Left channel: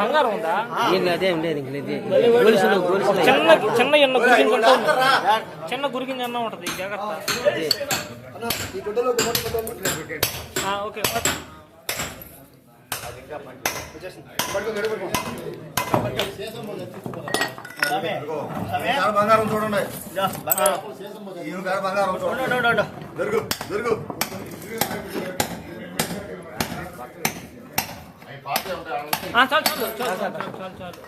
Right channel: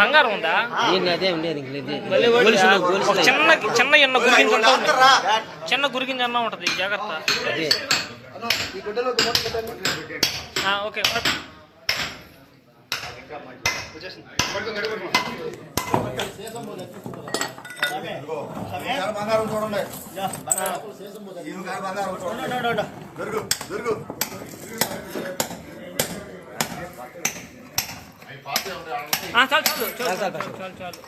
బంగారం ఉందా? చిన్న ఎన్న గురిగింజ చిన్న గురిగింజ అన్న ఉంటది, జాగ్రత్త. ఓకే బంగారం చూడండి. చాలు చాలు చాలు చాలు చాలు.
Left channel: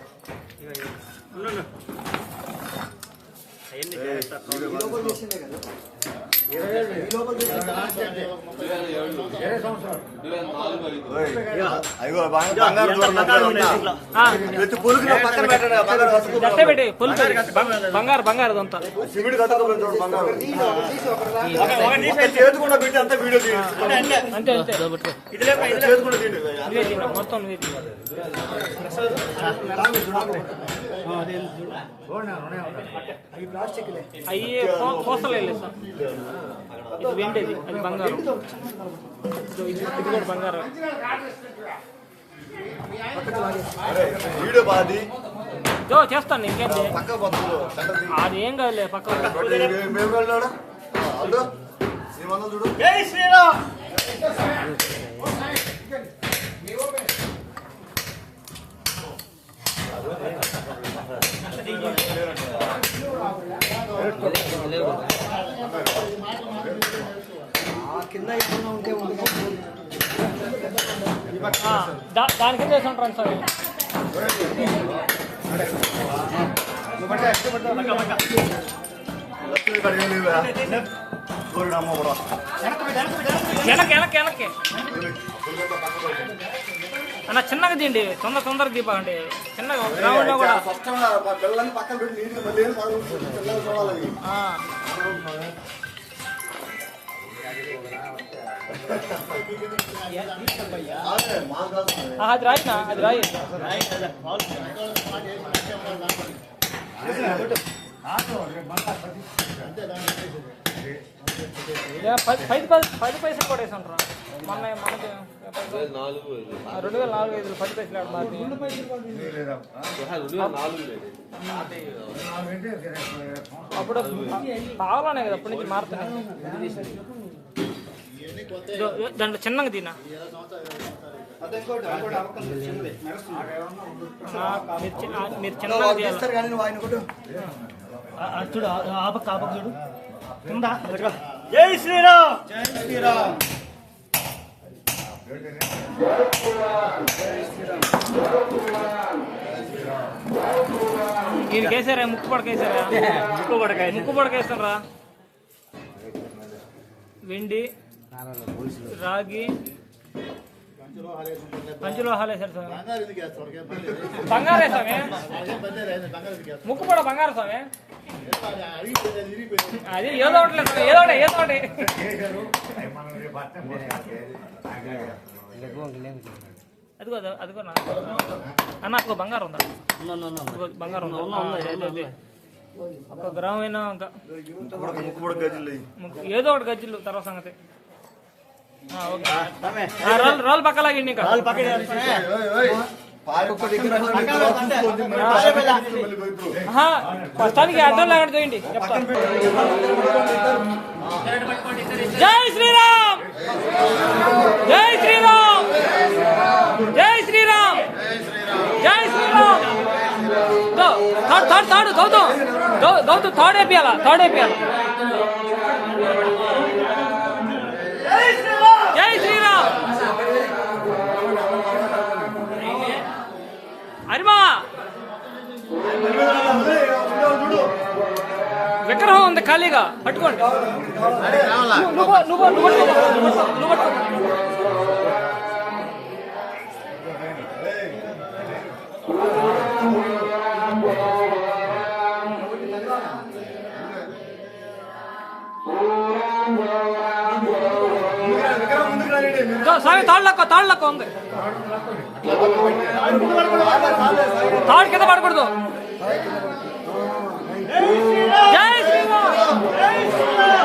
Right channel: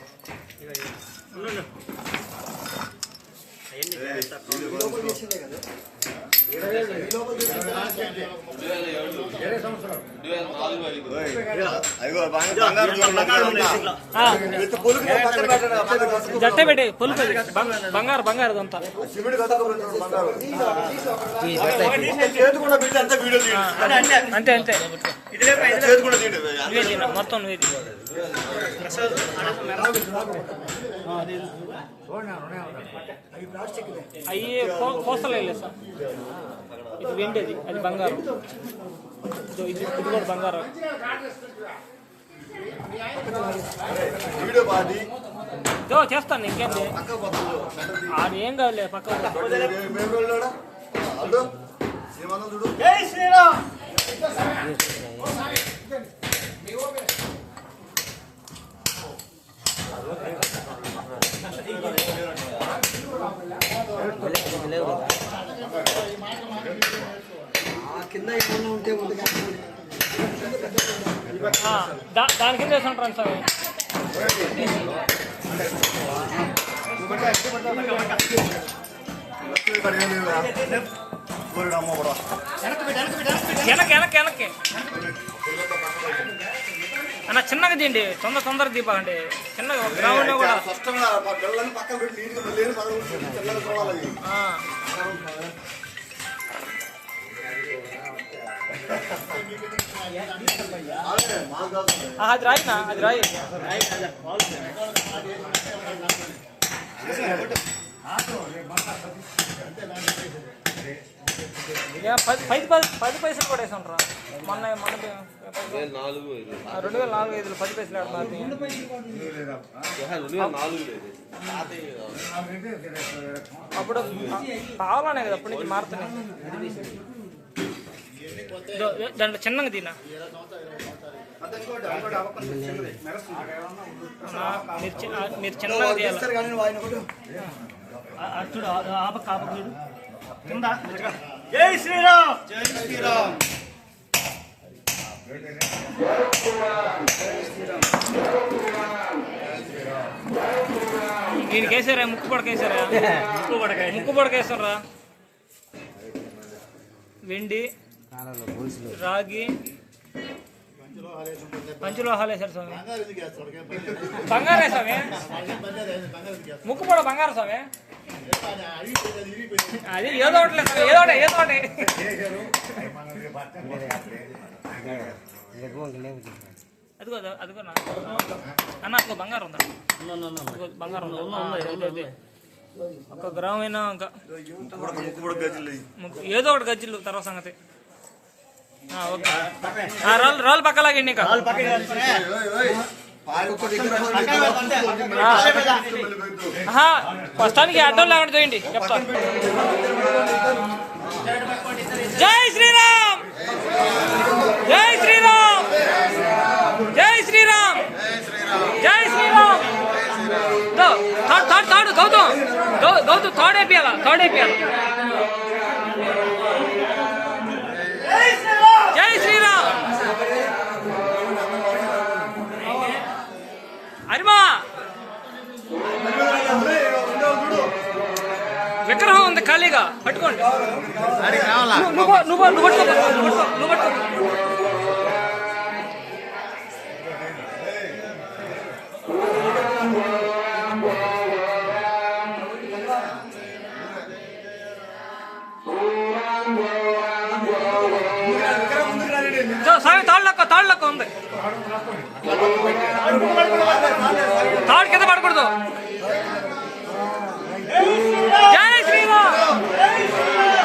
జట్టే పెట్టి పొలుపు బంగారు బంగారు అదంతా అంతే అంతే మొత్తం అయ్యే కోసలేదు సార్. ఇది వెండేది, అది బంగారం. ఇది కూడా బంగారం. చేస్తాను ఇంకేంటి, అది ఏం కాదులే పక్క. దాని కింద వేసి ఉంటాను సార్. వెనక్కి అన్న చిన్నగా తీయండి, తొందరగా దీపాలండి. చిన్నగా గ్రౌండ్ లో కూడా అది రాయినా, అది రాయి. పది పైసలు కూడా వేసాను రా మొన్న 2004-05 10 పైసలు ఆడ మాది. అప్పుడు కావాలనే కదా అప్పటి నుంచి మారుతున్నాయి. దాంట్లో చిన్నగా తినా మీరు చిన్నగా తీయాలి. జై శ్రీరామ్, జై శ్రీరామ్. దీనికి వేసారా? ముక్కుపడకేసారా? ముక్కుపడకేస్తారా? వెండి, రాగి, పంచలోహాలు వేసారు స్వామి. బంగారు వేసామే, ముక్కుపడ బంగారు స్వామి. అది ఏదో ఒకటి అదిగో అదిగో అన్న, అదిగో బంగారం ఉందా? బంగారం ఉందా? 1 గ్రామ్ అయినా ఇంకా ఏదో ఒకటి గజ్జిలు తర్వాత సంగతి. రాళ్ళు పక్కలాగండి. ఇంకా ప్రస్తుతానికి అడ్డం లేకుండా చేయండి చెప్తా. జై శ్రీరామ్, జై శ్రీరామ్, జై శ్రీరామ్, జై శ్రీరామ్. తాడు గౌతమ్ తోడేపియాల. జై శ్రీరామ్. అరిమా విగ్రహం ఉంది ఖాళీగా, పట్టుకోండి. నువ్వు పట్టుకో. స్వామి తాళ్ళక్క ఉంది. తాడు కింద పడకూడదు. జై శ్రీరామ్,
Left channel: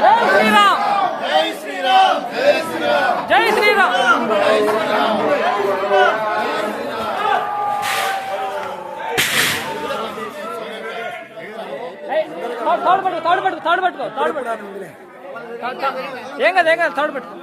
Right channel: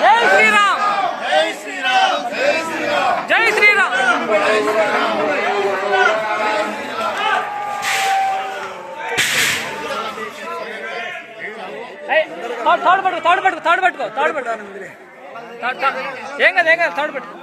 జై శ్రీరామ్, జై శ్రీరామ్. తాడు పట్టుకో ఏం కాదు తాడు పట్టుకో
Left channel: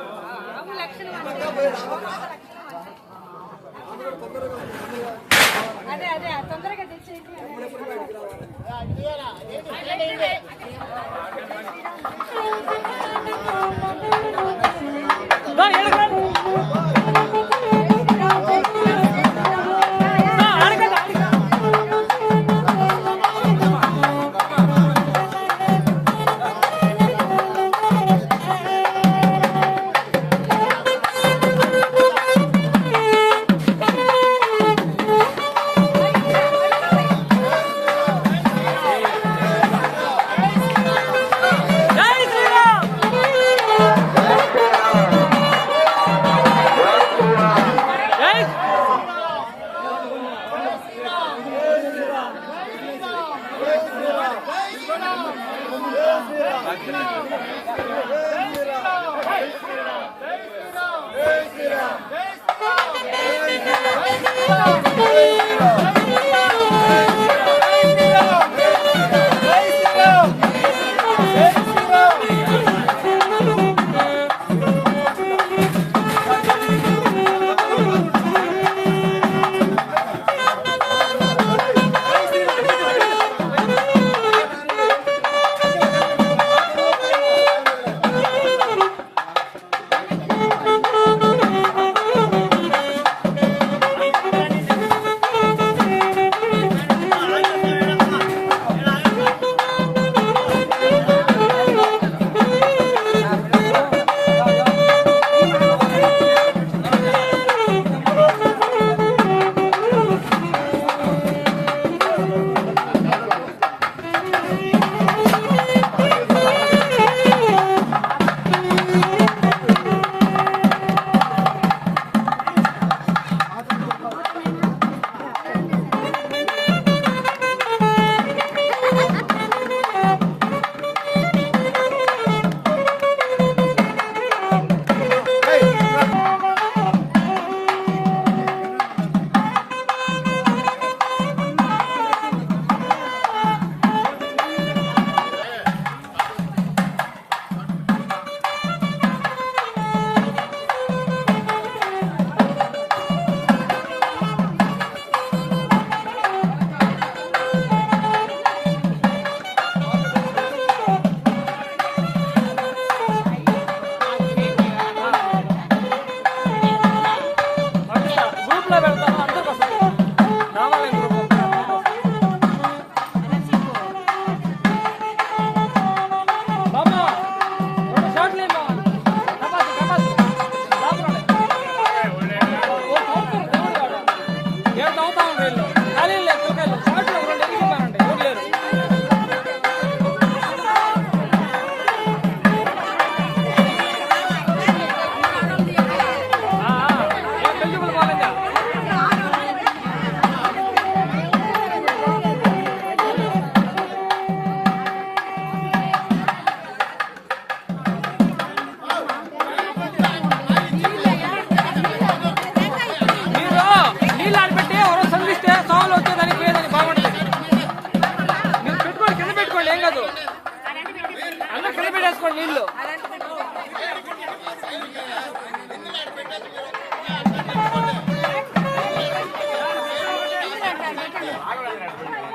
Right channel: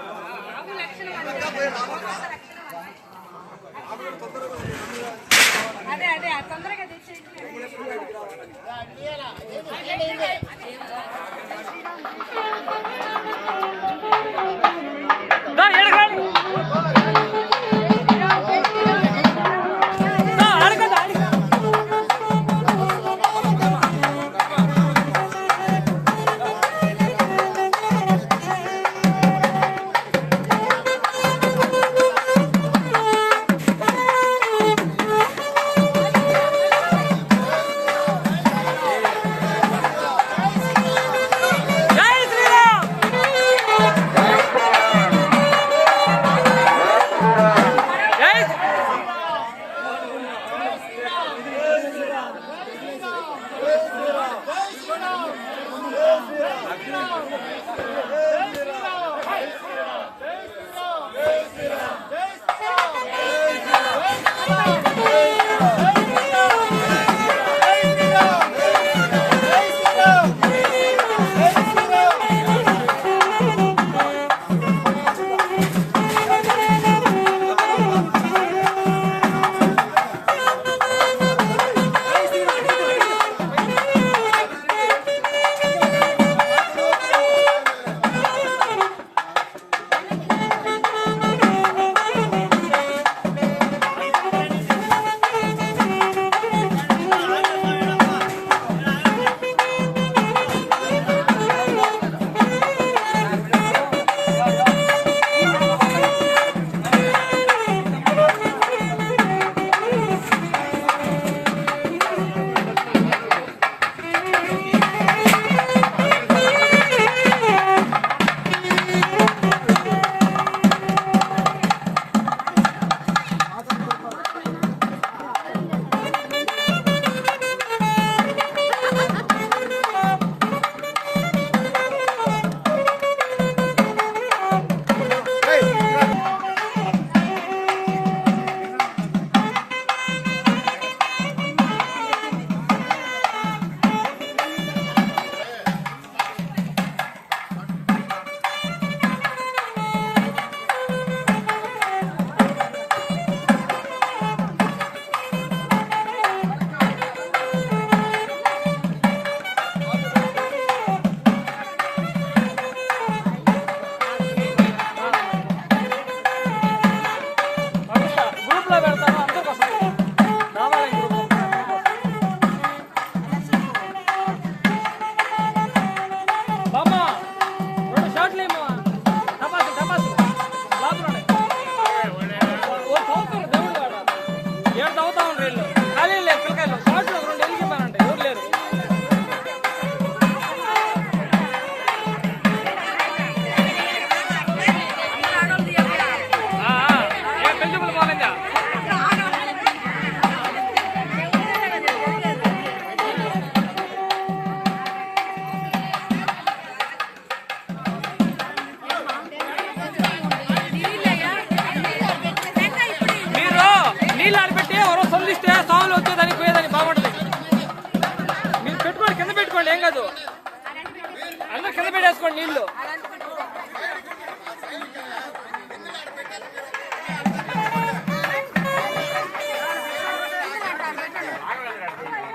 నీళ్ళు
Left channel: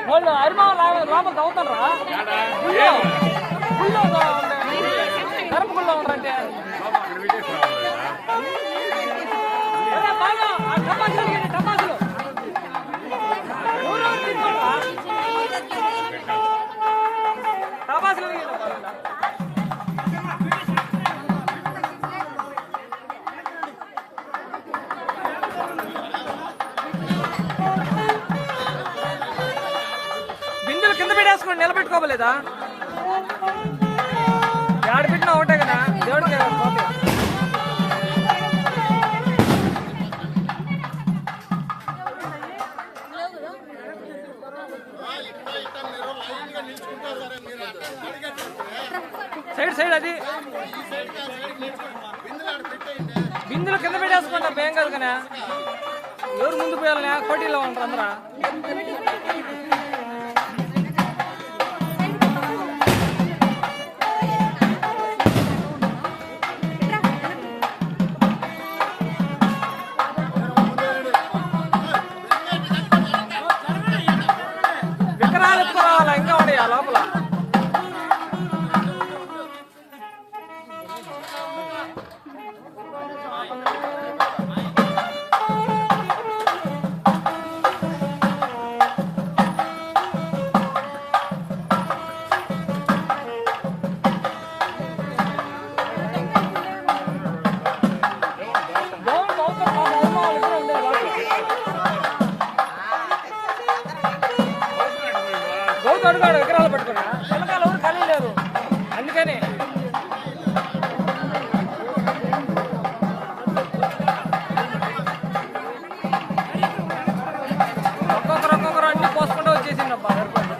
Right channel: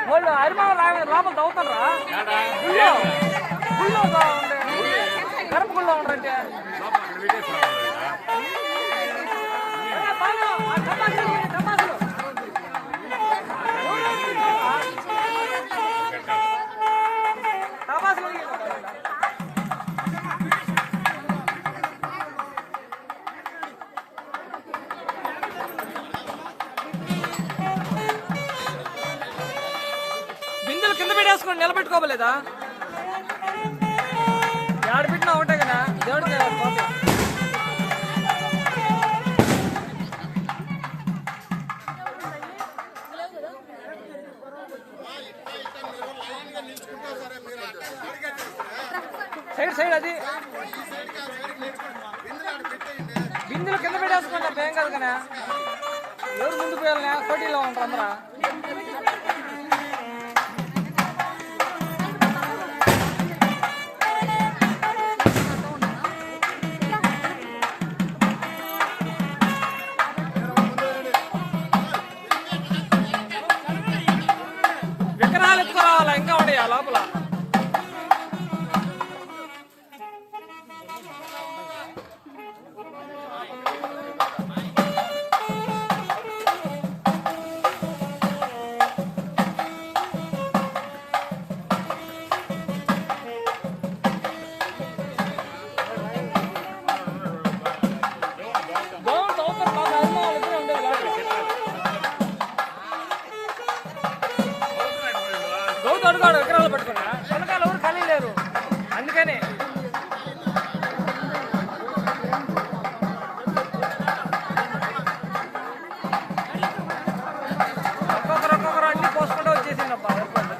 వాళ్ళు అరిమా లోపల తవ్వుతారా కరపగుల్లో ఉండరంటే టపాసులు టపాసులు బిందులు కింద పెట్టేసుకోండి నిలబెట్టుకోవలేదా ఏడు పెట్టినా ఒకటే కదా దేవుడికి పోతే సైడ్ సైడ్ అది బిందులు కింద పెట్టేసుకోండి అబ్బా ఏం కాదు కానీ ఎవరు ముందు పోయాలనే పోటీలో ఉంటారు అందరా అనుకోడు విగ్రహాలు పట్టుకున్నా వెనకాల ఎవరు ఖాళీ లేరు అందుకని ఒక్కొక్కరు అన్ని పోసుకుంటూ వచ్చేసింది అబ్బా సరిపడి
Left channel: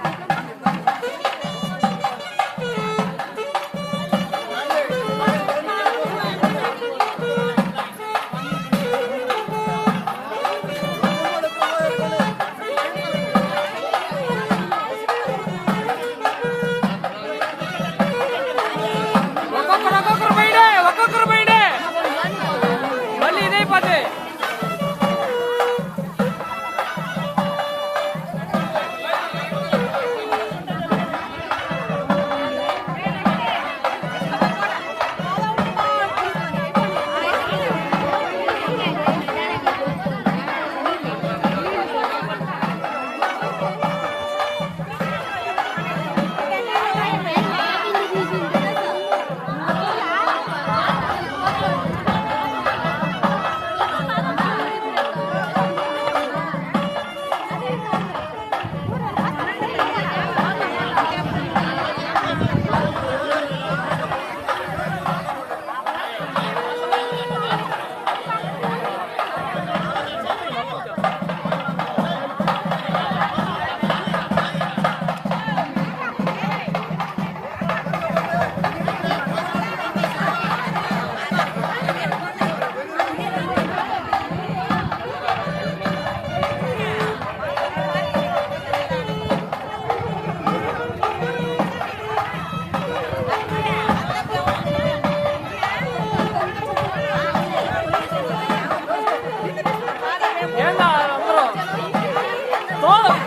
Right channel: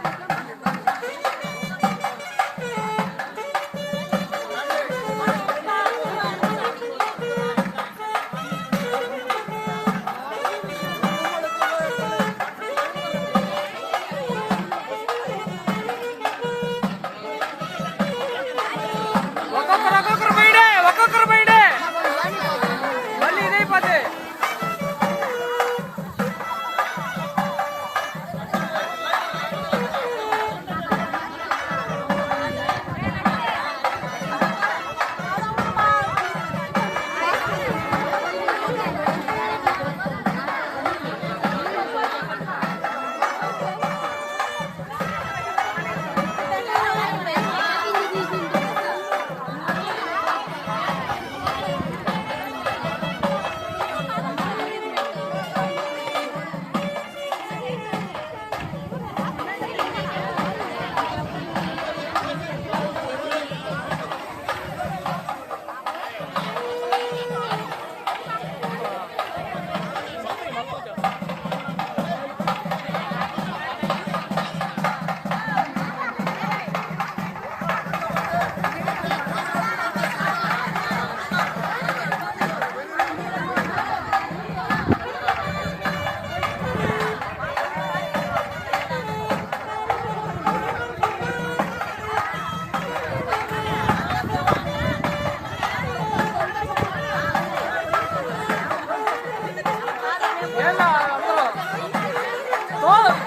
ఒక్కొక్కరు బయటే మళ్ళీ ఇదైపోతే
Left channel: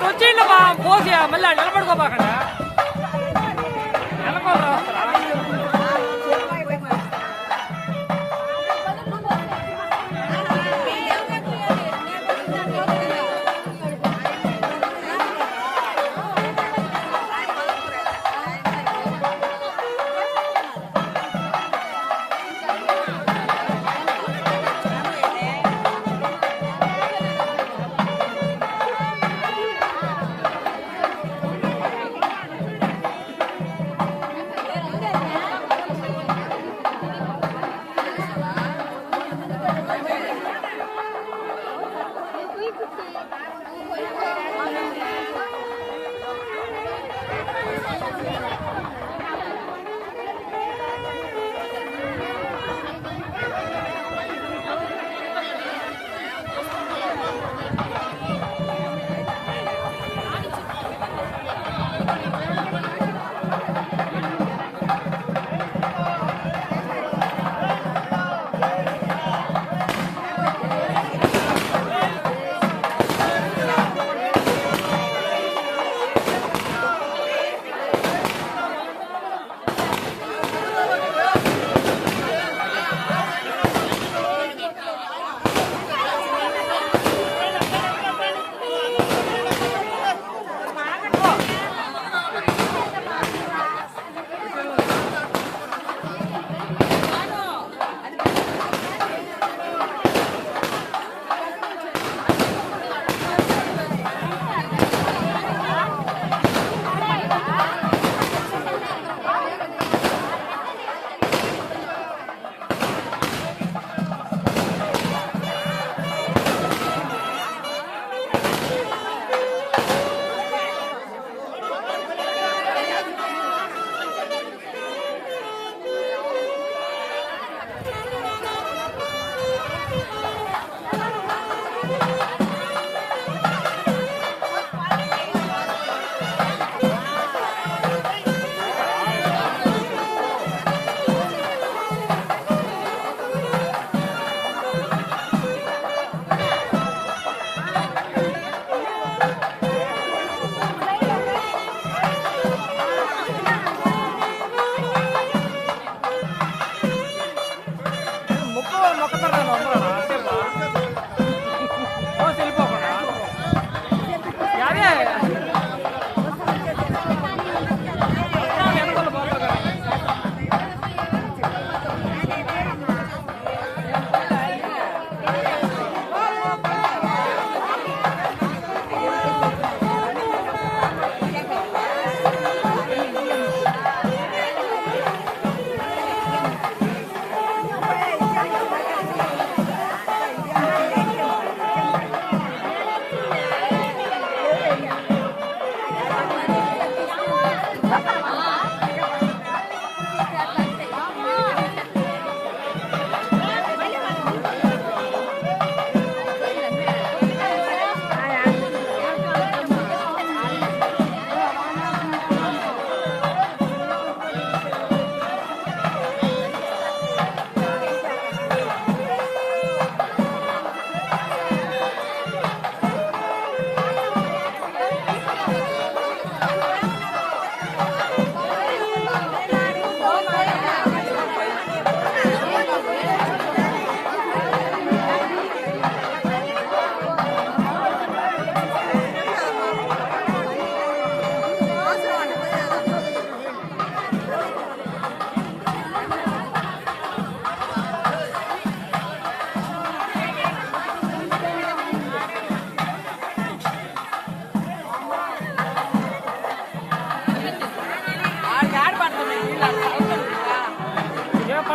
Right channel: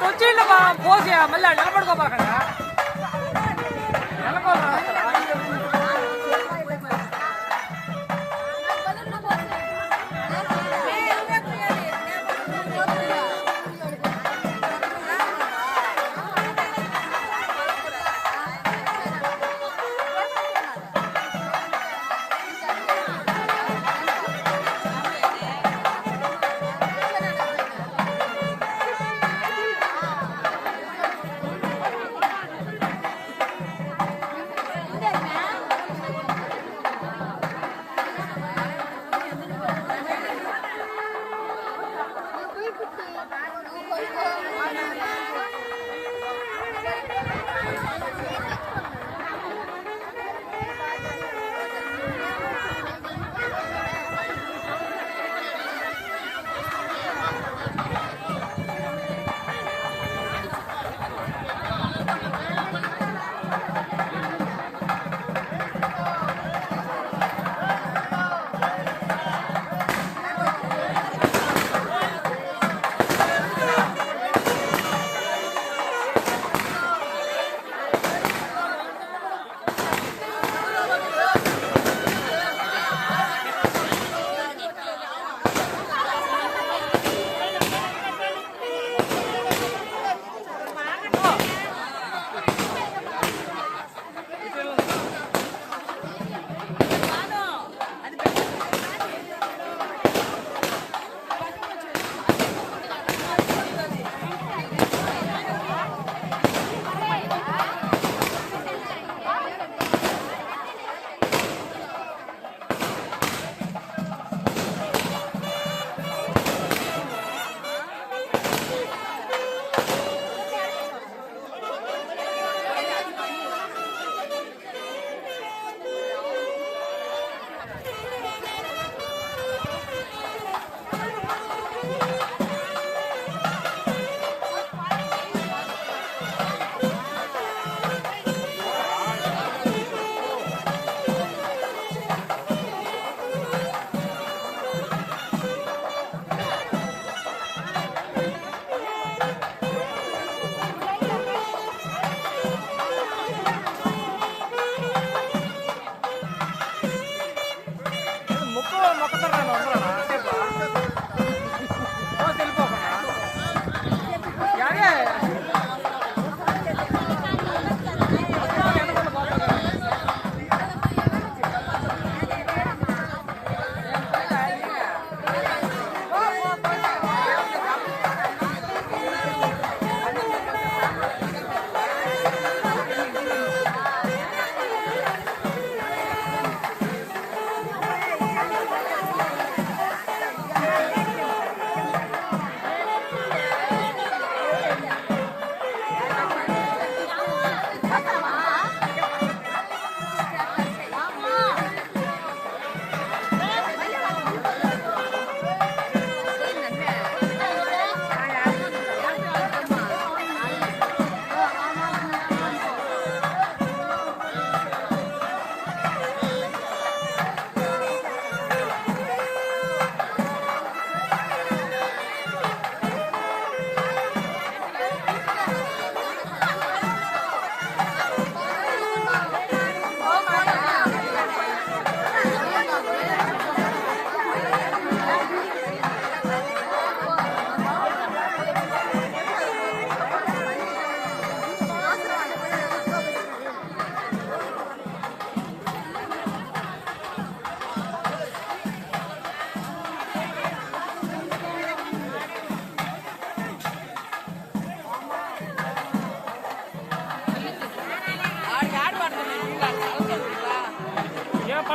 తొచ్చిండు పోసి మళ్ళీ నిలబడుకోబాకండి నెలకోలు రాస్తారా మొక్కతారు అందరూ అంతేపా తెలిపోకుండా అదే వెనకాల పోతారు కదా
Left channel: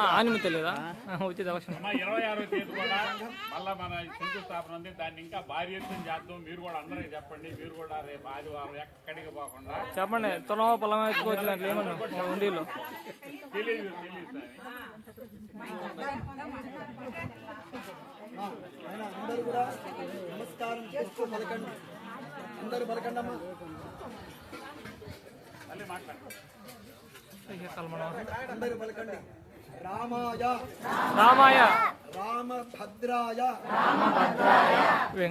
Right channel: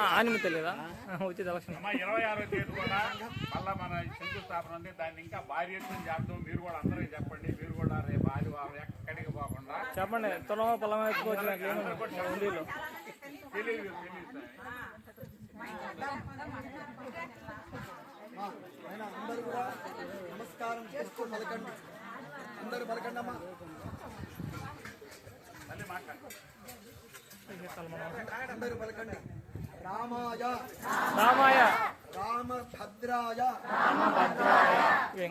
ఆనిమి తెలియదా ఉచిత అవసరం 26వ తేదీ కూడా మళ్ళా మన శంకుస్థాపన ఉంది. దాన్ని ఇంకా భారీ ఎత్తున చేద్దాం. మీరు కూడా అందరికి చెప్పండి. మీరు కూడా రేపు ఆదివారం ఎక్కడికి పోకుండా చెప్పండి. తులం పొలం ఎత్తుకోవచ్చు దాంట్లో ఏమన్నా ఉండిలో తెలియదు. ఆయన అందరూ కూడా నమస్కారం చేస్తూ పలకండి. అందరూ పలకండి అమ్మా. మళ్ళీ మాట్లాడు. అందరూ పలకండి. రామాయ రామాయ రామభద్రాయ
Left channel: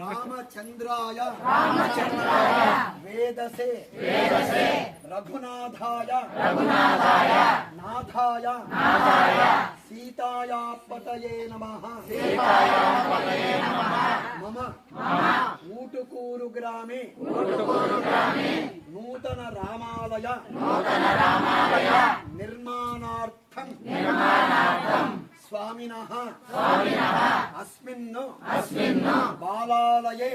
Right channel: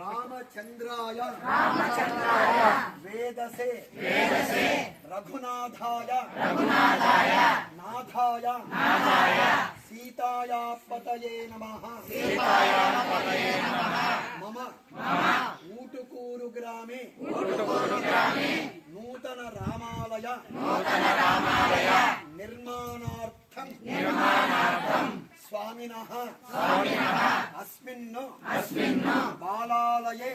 రామచంద్రాయ వేదసే రఘునాథాయ నాథాయ సీతాయాపతయే నమః మమ ఊటుకూరు గ్రామే నూతన రామాలయ నిర్మాణార్థం స్వామినః అస్మిన్ బాలాలయే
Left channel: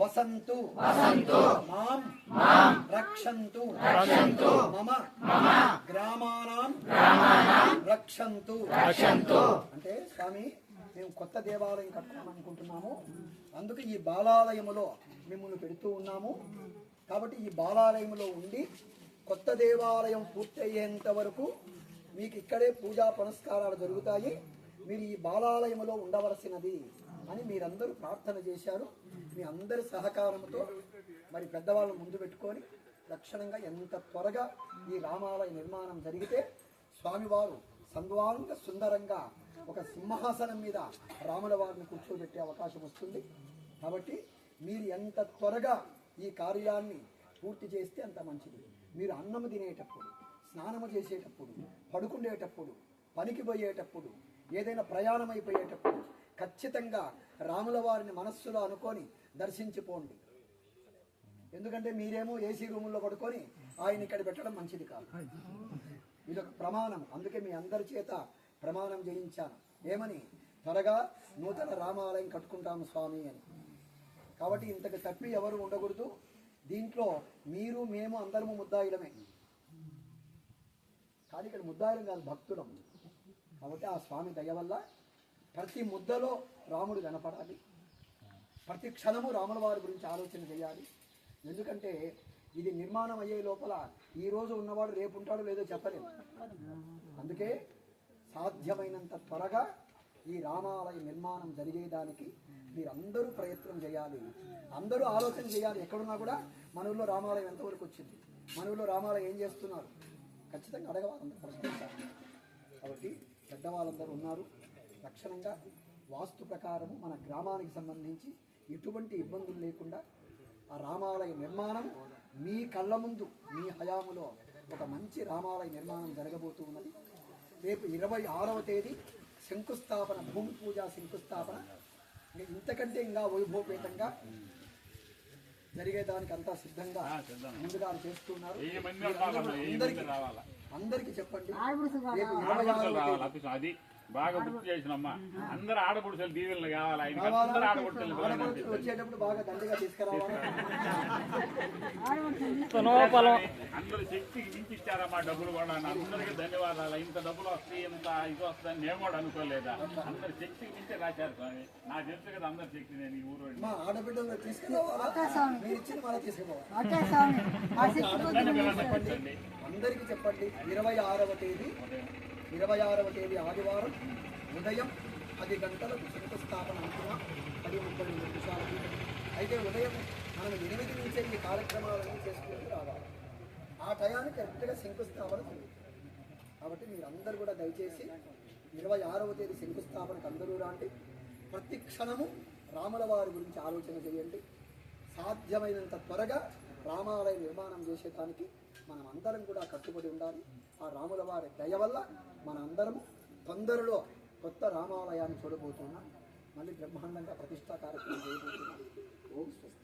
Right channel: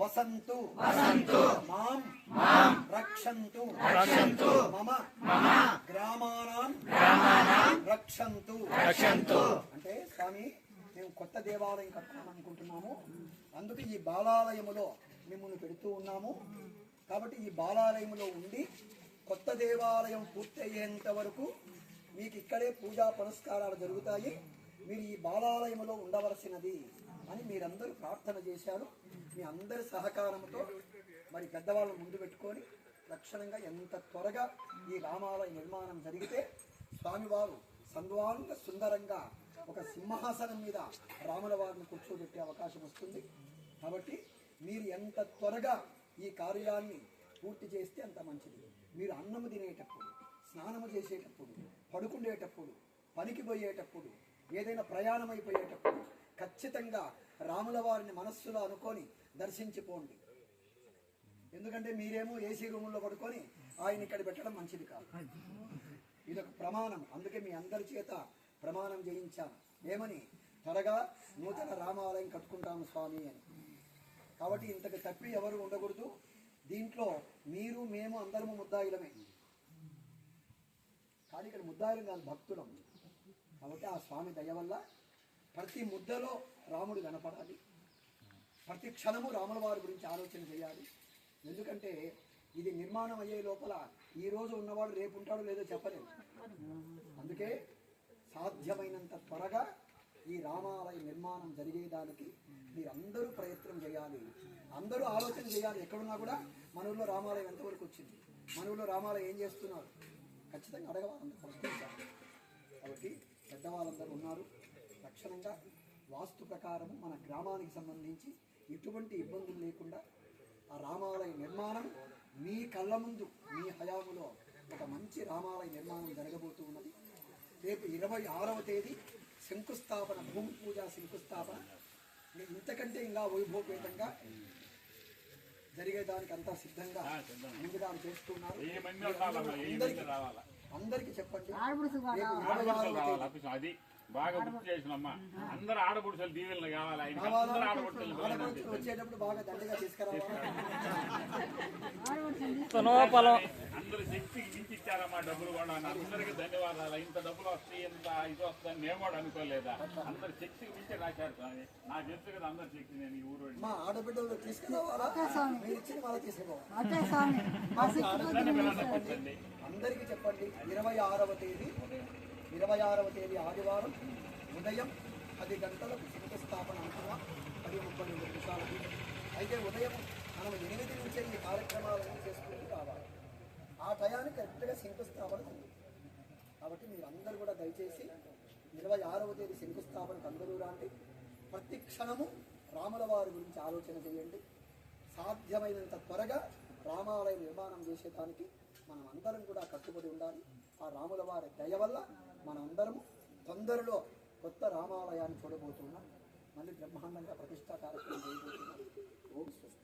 వసంతు మాం రక్షంతు మమ గ్రామానాం రక్షంతు. అంటే స్వామి మేము కొత్త దేవాలయం కట్టుకోవాలనుకుంటున్నాము. అందుకు ఈ బాలాలయములో మిమ్మల్ని పెడుతూ ఉన్నాము. కాబట్టి ఈ బాలాలయంలో ఉండి కొత్త దేవాలయం పూర్తయ్యేంత వరకు మీకు ఇక్కడే పూజా పునస్కారాలు జరుగుతాయి. మీరు ఈ బాలాలయంలో ఉండవలసినది అని మీరందరూ ప్రార్థన చేశారు. మీ అందరి సహకారంతో మరి పెద్దవాళ్ళను ముందు పెట్టుకొని లక్షణంగా ఎంత త్వరగా ఈ రామాలయ నిర్మాణం జరిగితే స్వామివారు సంద్వాంగ సుందరంగా ఒక సింహాసనం మీద రాముల వారిని కూర్చోబెట్టే అవకాశం వస్తుంది. కాబట్టి మీరు ఎంత త్వరగా ఈ కార్యాన్ని పూర్తి చేస్తే అంత మంచిది. మీరు అన్నము తినేటప్పుడు, స్నానము చేసేటప్పుడు, పడుకునేటప్పుడు, పనికి పోయేటప్పుడు, ఏదైనా ప్రయాణం అయిపోయేటప్పుడు ఖచ్చితంగా రాముల వారిని మనస్సులో అనుకొని దర్శించిపోండి. ఎందుకంటే మీరేమో ఏసీ రూముల్లో పడుకొని ఆయన ఇక్కడ పెట్టడం మంచిది కాదు. ఇదొక ప్రమాణం. అందుకే మీ అందరి చేత ప్రమాణం చేయించాను. ఏమని? త్వరగా నూతన రామాలయం కట్టుకుంటాము స్వామి అని. కాబట్టి ఇంతకు తప్పి ఎవరు ఉండకూడదు. దీంట్లో మీరు మేము అందరము ముద్దాయిలమే. కానీ ఇక్కడ ముద్దాయిలం కాదు, భక్తులం. కాబట్టి ఆ స్వామి దయ వల్ల ప్రతి ముద్దలో రాముడు కనపడాలి. ప్రతి క్షణము రాముల వారి గురించి ఆలోచన చేయాలి. ఎందుకంటే ఇది నిర్మాణం అయ్యే లోపల ఈ రోజు ఉన్నవాడు రేపు ఉంటాడో లేదో చెప్పలేము. అందుకే సాధ్యమైనంత త్వరగా ఈ రామాలయ నిర్మాణం జరిగేదానికి మీరందరూ ప్రయత్నం చేయాలి. అందరూ ఆలోచన చేయాలి. ఎక్కడున్నా కూడా మన ఊళ్ళో రామాలయం ఎంతవరకు వచ్చింది, మన ఊళ్ళో రామాలయం ఏం చేస్తున్నారు, ఖచ్చితంగా అడగవాలి, ప్రశ్నించాలి. కాబట్టి పెద్దవాళ్ళందరూ ఉన్నారు. లక్షణంగా వాస్తు ప్రకారము మన గ్రామానికి సంబంధించి ఎటువంటి ఇబ్బందులు లేకుండా ఆ రామాలయ నిర్మాణం మీ కళ్ళ ముందు మీ హయాములో ఒక మంచి రామాలయ నిర్మాణం జరగబోతూ ఉన్నది. రేపు 26వ తేదీ శంకుస్థాపన, భూమి పూజ శంకుస్థాపన. ఇంతకంటే ఇంకా వైభవపేతంగా జరిగేదానికి అంతా సిద్ధంగా ముందుగా చేస్తున్నారు. అందరికి చెప్పండి. రేపు 26వ తేదీ అది బాగా గుర్తు చేసినమ్మా. అందరు ఆడపుడుచులు దీవెనలు కావాలి. అందరు ఆడపుడుచులు వచ్చేటప్పుడు బాగా దండిగా తీసుకురావాలి. అందరు శక్తికి మించి ఇచ్చారమ్మా డబ్బులు కూడా. అందరికీ ధన్యవాదాలు. ఇంత డబ్బులు వస్తాయి, ఇంత ఇది వస్తుందని మేము కూడా అనుకోలేదా. అందరు శక్తికి మించి రాశారు స్వామి. నాకు తెలుసు కదా అందరి శక్తి. నేను ఈ ఊరు మా ఆడబిడ్డలు తీసుకురావాలా, మీరు ఇచ్చిన మళ్ళీ తీసుకోవాలి. అందరికీ చెప్పండి. 26వ తేదీ ఆదివారం ఉదయం 10 గంటలకు శంకుస్థాపన అనుకున్నాం. 10:30 నిమిషాలకి. అయితే ఉదయం మనం 8 నుంచే ఈ కార్యక్రమాలన్నీ చేసుకుంటూ రావాలి. ఆ టయానికి కరెక్ట్గా శంకుస్థాపన ఉంది. కాబట్టి మీరు అందరూ కూడా దయచేసి 26వ తేదీ శంకుస్థాపనకు అందరూ రాండి. ప్రతి క్షణము రాముల వారి గురించి ఆలోచన చేయండి. సాధ్యమైనంత త్వరగా రామాలయ నిర్మాణం చేసేదానికి మనం అందరం కూడా కట్టుబడి ఉండాలి. ఆ రాముల వారి దయ వల్ల మన అందరం తొందరలో కొత్త రామాలయాన్ని చూడబోతున్నాం. మళ్ళీ బ్రహ్మాండంగా ప్రతిష్టా కార్యక్రమం చేయబోతున్నాం. ఓం స్వస్తి.